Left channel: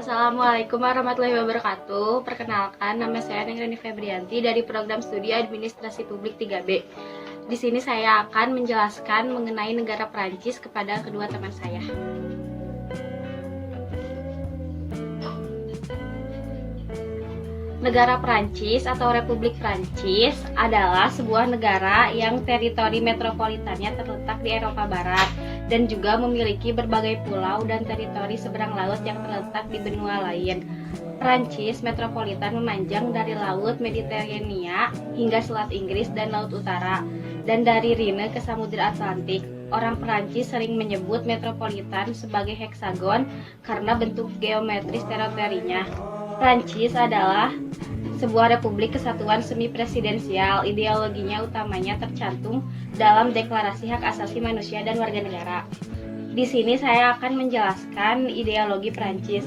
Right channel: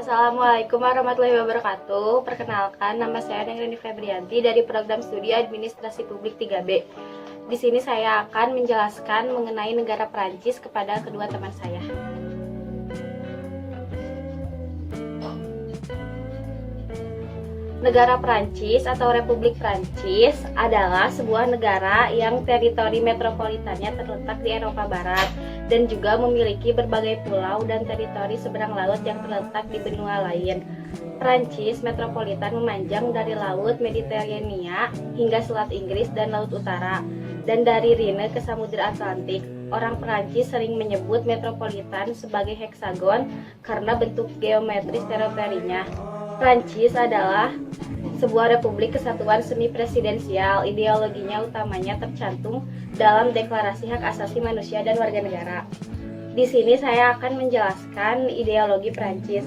Assalamualaikum warahmatullahi wabarakatuh. Perkenalkan, nama saya Nengreni Febrianti dari Program Studi Administrasi Publik 3B. Di sini saya akan menjelaskan mengenai negara Perancis kepada kedua teman saya. Negara Perancis atau Republik Perancis adalah sebuah negara yang teritori metropolitannya terletak di Eropa Barat dan juga memiliki berbagai pulau dan teritori seberang laut yang terletak di benua lain. Perancis metropolitan memanjang dari Laut Mediterania hingga Selat Inggris dan Laut Utara, dan dari Rhine ke Samudra Atlantik. Orang Perancis sering menyebut metropolitan sebagai heksagon karena bentuk geometris teritorinya. Prancis adalah sebuah republik kesatuan semi-presidensial. Ideologinya utamanya tercantum dalam Deklarasi Hak Asasi Manusia dan Warga Negara. Di sini saya akan menjelaskan ideologi Prancis.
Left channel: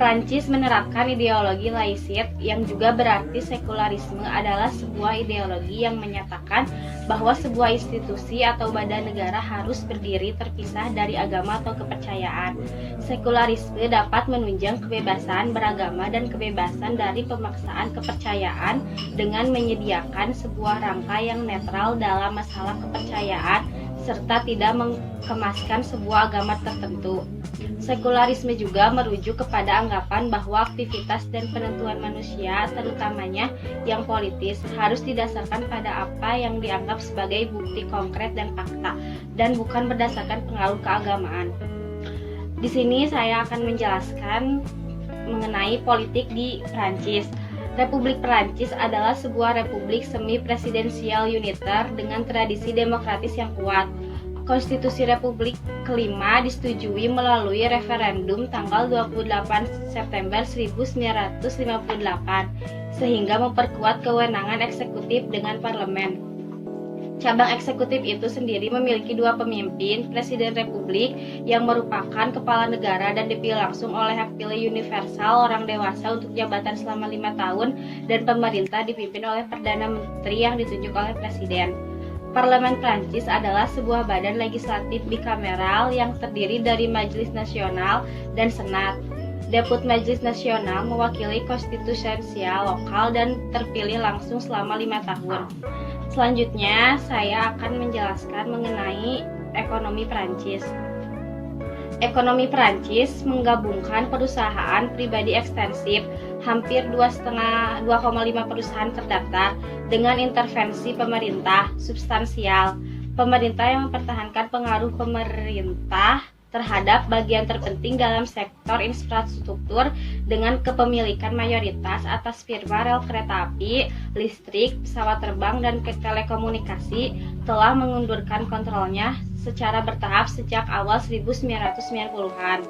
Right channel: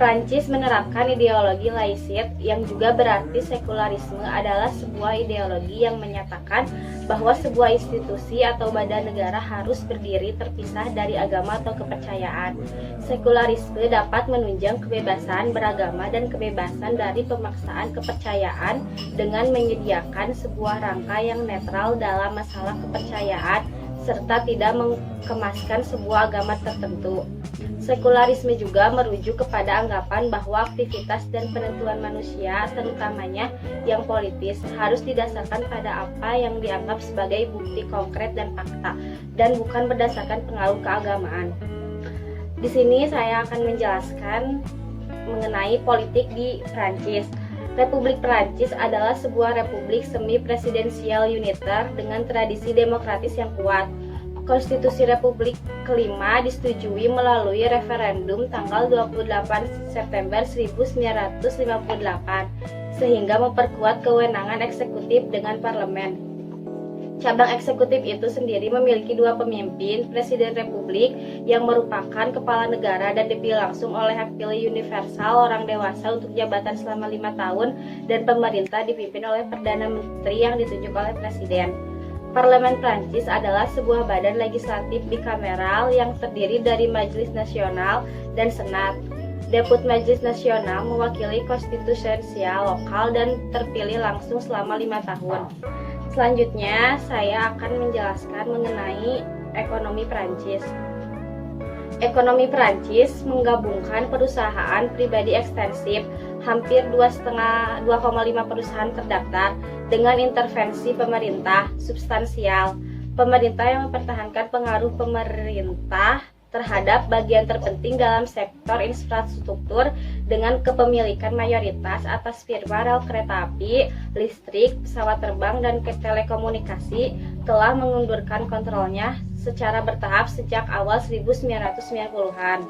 Prancis menerapkan ideologi laicite yang juga berarti sekularisme adalah sebuah ideologi yang menyatakan bahwa sebuah institusi atau badan negara harus berdiri terpisah dari agama atau kepercayaan. Sekularisme dapat menunjang kebebasan beragama dan kebebasan dari pemaksaan kepercayaan dengan menyediakan sebuah rangka yang netral dalam masalah kepercayaan serta tidak mengemaskan sebuah agama tertentu. Sekularisme juga merujuk kepada anggapan bahwa aktivitas dan penentuan manusia, terutamanya yang politis, harus didasarkan pada apa yang dianggap sebagai bukti konkret dan fakta, dan bukan berdasarkan pengaruh keagamaan. Di sini saya akan menjelaskan mengenai politik di Prancis. Republik Perancis adalah sebuah republik semi-presidensial uniter dengan tradisi demokratis yang kuat. Konstitusi Republik kelima disetujui melalui referendum tanggal 28 September 1958, sehingga memperkuat kewenangan eksekutif dengan parlemen. Cabang eksekutif itu sendiri memiliki dua pemimpin, Presiden Republik yang merupakan kepala negara dan dipilih langsung oleh hak pilih universal orang dewasa untuk jabatan selama 5 tahun, dan pemerintah dipimpin oleh Perdana Menteri yang ditunjuk oleh Presiden. Parlemen Prancis adalah sebuah badan legislatif bikameral yang terdiri dari Majelis Nasional dan Senat. Deput Majelis Nasional mewakili konstitusional lokal dan terpilih langsung selama 5 tahun. Selanjutnya, saya akan menjelaskan mengenai ekonomi Prancis. Ekonomi Prancis menggabungkan perusahaan pribadi ekstensif, hampir 2,5 perusahaan terdaftar, dengan intervensi pemerintah substansial. Pemerintah yang mempertahankan pengaruh pemerintah terhadap bagian terpenting dalam sektor infrastruktur dengan kepemilikan mayoritas atas firma rel kereta api, listrik, pesawat terbang, dan telekomunikasi, telah mengundurkan kontrolnya secara bertahap sejak awal 1990-an.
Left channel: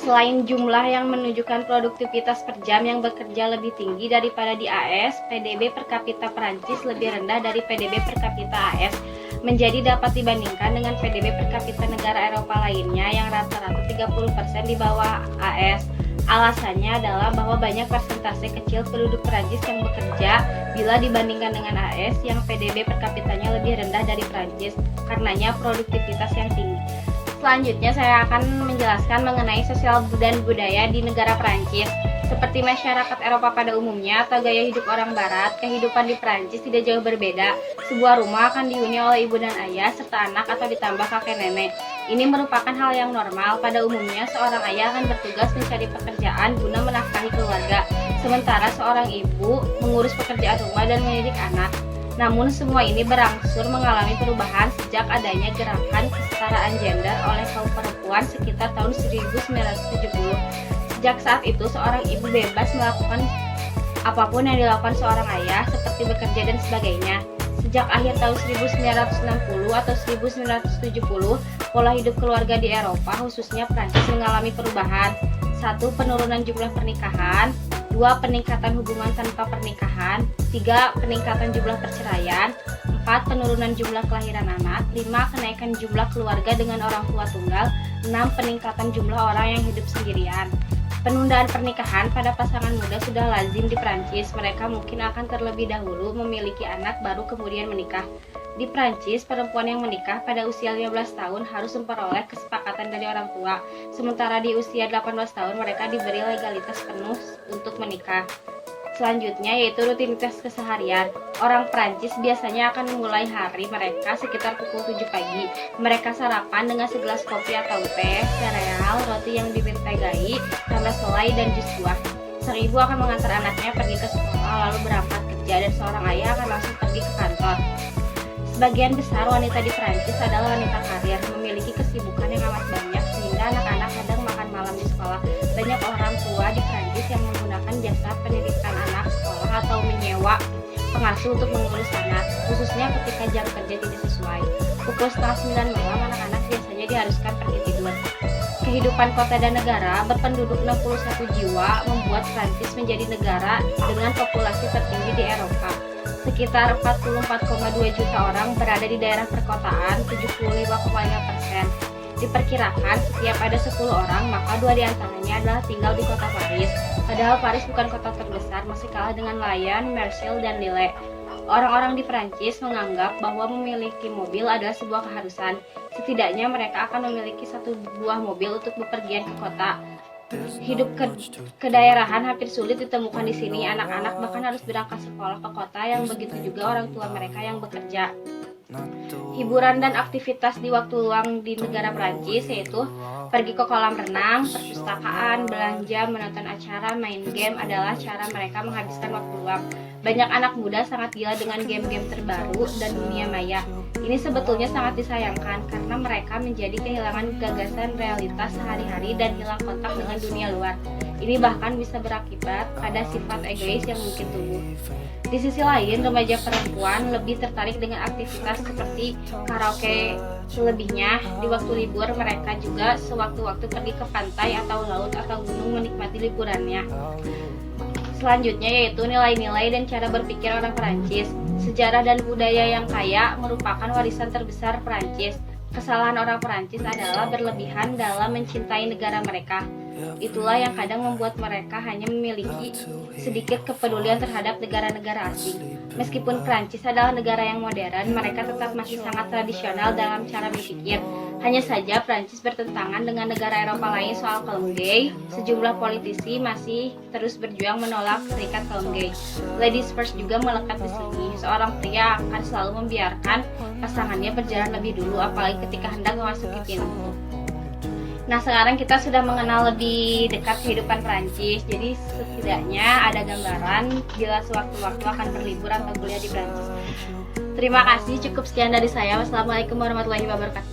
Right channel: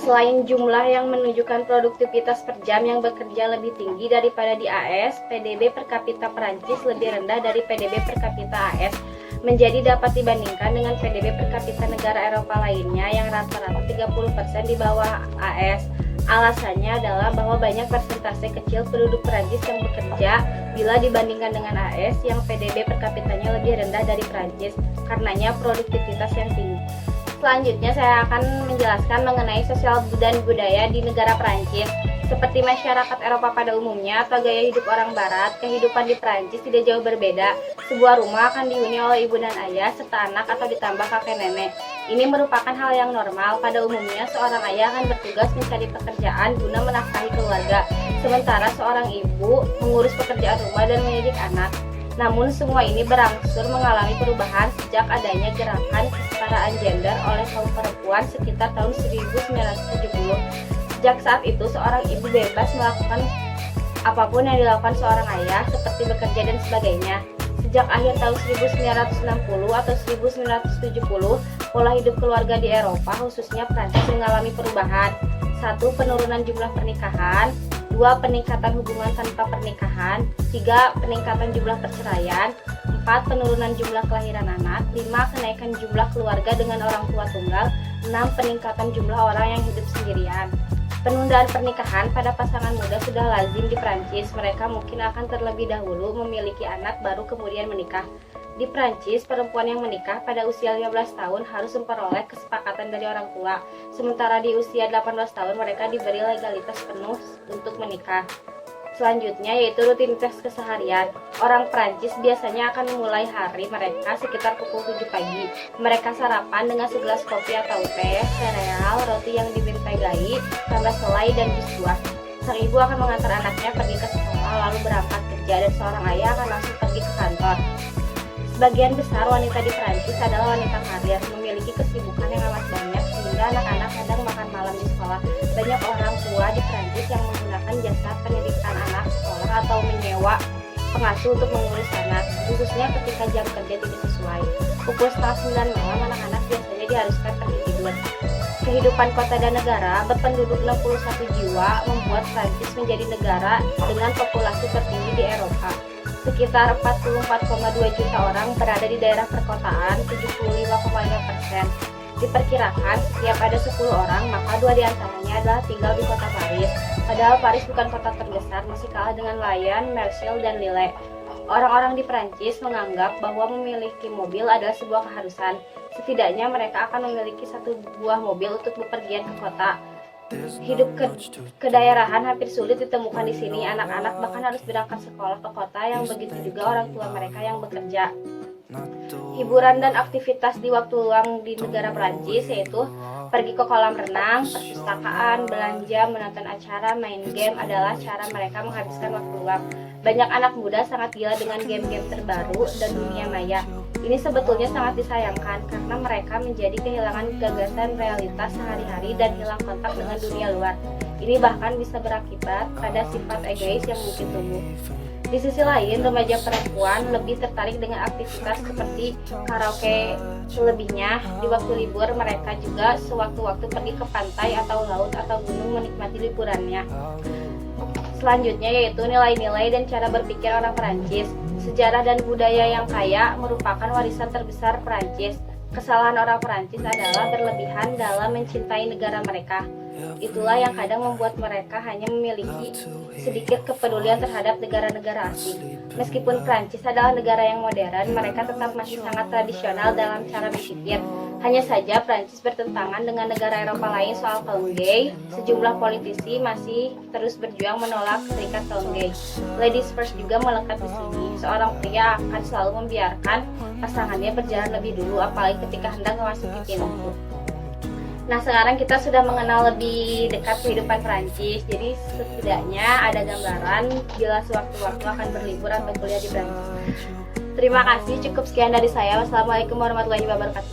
Selain jumlah yang menunjukkan produktivitas per jam yang bekerja lebih tinggi daripada di AS, PDB per kapita Perancis lebih rendah dari PDB per kapita AS, menjadi dapat dibandingkan dengan PDB per kapita negara Eropa lainnya yang rata-rata 30% di bawah AS. Alasannya adalah bahwa banyak persentase kecil penduduk Perancis yang bekerja bila dibandingkan dengan AS yang PDB per kapitanya lebih rendah dari Perancis, karenanya produktivitas yang tinggi. Selanjutnya saya akan menjelaskan mengenai sosial dan budaya di negara Perancis. Seperti masyarakat Eropa pada umumnya atau gaya hidup orang Barat, kehidupan di Perancis tidak jauh berbeda. Sebuah rumah akan dihuni oleh ibu dan ayah serta anak atau ditambah kakek nenek. Ini merupakan hal yang normal. Pada umumnya seorang ayah akan bertugas mencari pekerjaan guna menafkahi keluarga, sementara seorang ibu mengurus pekerjaan rumah dan mendidik anak. Namun semua ini berangsur mengalami perubahan sejak adanya gerakan kesetaraan gender oleh kaum perempuan sekitar tahun 1970. Sejak saat itu seorang ibu bebas melakukan apapun yang dilakukan seorang ayah, seperti bekerja dan sebagainya. Sejak akhir tahun 1960 atau 1970, pola hidup keluarga di Eropa, khususnya Prancis, mengalami perubahan. 1. Penurunan jumlah pernikahan. 2. Peningkatan hubungan tanpa pernikahan. 3. Peningkatan jumlah perceraian. 4. Penurunan jumlah kelahiran anak. 5. Kenaikan jumlah keluarga dengan orang tua tunggal. 6. Peningkatan jumlah orang yang hidup sendirian. Penundaan pernikahan pada pasangan muda sudah lazim di Prancis. Mereka mungkin akan terlebih dahulu memiliki anak baru kemudian menikah. Di Prancis, perempuan yang menikah pada usia 15 tahun harus memperoleh kesepakatan dari orang tua. Sementara di usia 18 tahun mereka diberi legalitas penuh untuk menikah. Selanjutnya yaitu rutinitas keseharian. Orang Prancis biasanya akan memulai hari mereka sekitar pukul 7 pagi. Mereka sarapan dengan segelas kopi atau teh, sereal, roti yang dibintai gai, tambah selai dan jus buah. Sang ibu akan mengantar anaknya pergi ke sekolah lalu berangkat kerja dan seorang ayah akan langsung pergi ke kantor. Sebagian besar wanita di Prancis adalah wanita karir, memiliki kesibukan yang amat banyak sehingga anak-anak kadang makan malam di sekolah. Banyak orang tua di Prancis yang menggunakan jasa pendidikan anak sekolah atau menyewa pengasuh untuk mengurus anak, khususnya ketika jam kerja tidak sesuai. Pukul setengah 9 malam anak-anak biasanya diharuskan pergi tidur. Kehidupan kota dan negara berpenduduk 61 jiwa membuat Prancis menjadi negara dengan populasi tertinggi di Eropa. Sekitar 44,2 juta orang berada di daerah perkotaan, 75,5%. Diperkirakan setiap ada 10 orang, maka 2 diantaranya adalah tinggal di kota Paris. Padahal Paris bukan kota terbesar, masih kalah dengan Lyon, Marseille, dan Lille. Orang-orang di Prancis menganggap bahwa memiliki mobil adalah sebuah keharusan. Setidaknya mereka akan memiliki 1 buah mobil untuk bepergian ke kota. Hidup kedaerahan hampir sulit ditemukan di sini. Anak-anak bahkan harus berangkat sekolah ke kota, yang begitu juga orang tua mereka yang bekerja. Hiburan dan aktivitas di waktu luang di negara Prancis yaitu pergi ke kolam renang, perpustakaan, belanja, menonton acara, main game adalah cara mereka menghabiskan waktu luang. Banyak anak muda sangat gila dengan game-game terbaru dan dunia maya. Ini sebetulnya sangat disayangkan karena mereka menjadi kehilangan gagasan realitas sehari-hari dan hilang kontak dengan dunia luar. Ini bahkan bisa berakibat pada sifat egois yang mungkin tumbuh. Di sisi lain, remaja perempuan lebih tertarik dengan aktivitas seperti karaoke. Selebihnya, di waktu libur mereka juga sewaktu-waktu pergi ke pantai atau laut atau gunung menikmati liburannya. Selanjutnya yaitu nilai-nilai dan cara berpikir orang Prancis. Sejarah dan budaya yang kaya merupakan warisan terbesar Prancis. Kesalahan orang Prancis adalah berlebihan dalam mencintai negara mereka. Itulah yang kadang membuat mereka hanya memiliki sedikit kepedulian terhadap negara-negara asing. Meskipun Prancis adalah negara yang modern, mereka tetap masih sangat tradisional dalam cara berpikir. Hanya saja Prancis bertentangan dengan negara Eropa lain soal kaum gay. Sejumlah politisi masih terus berjuang menolak serikat kaum gay. Ladies First juga melekat di sini. Seorang pria akan selalu membiarkan pasangannya berjalan lebih dulu, apalagi ketika hendak memasuki pintu. Nah, sekarang kita sudah mengenal lebih dekat kehidupan Prancis. Jadi setidaknya ada gambaran bila sewaktu-waktu akan berlibur atau kuliah di Prancis. Terima kasih, cukup sekian dari saya. Wassalamualaikum warahmatullahi wabarakatuh.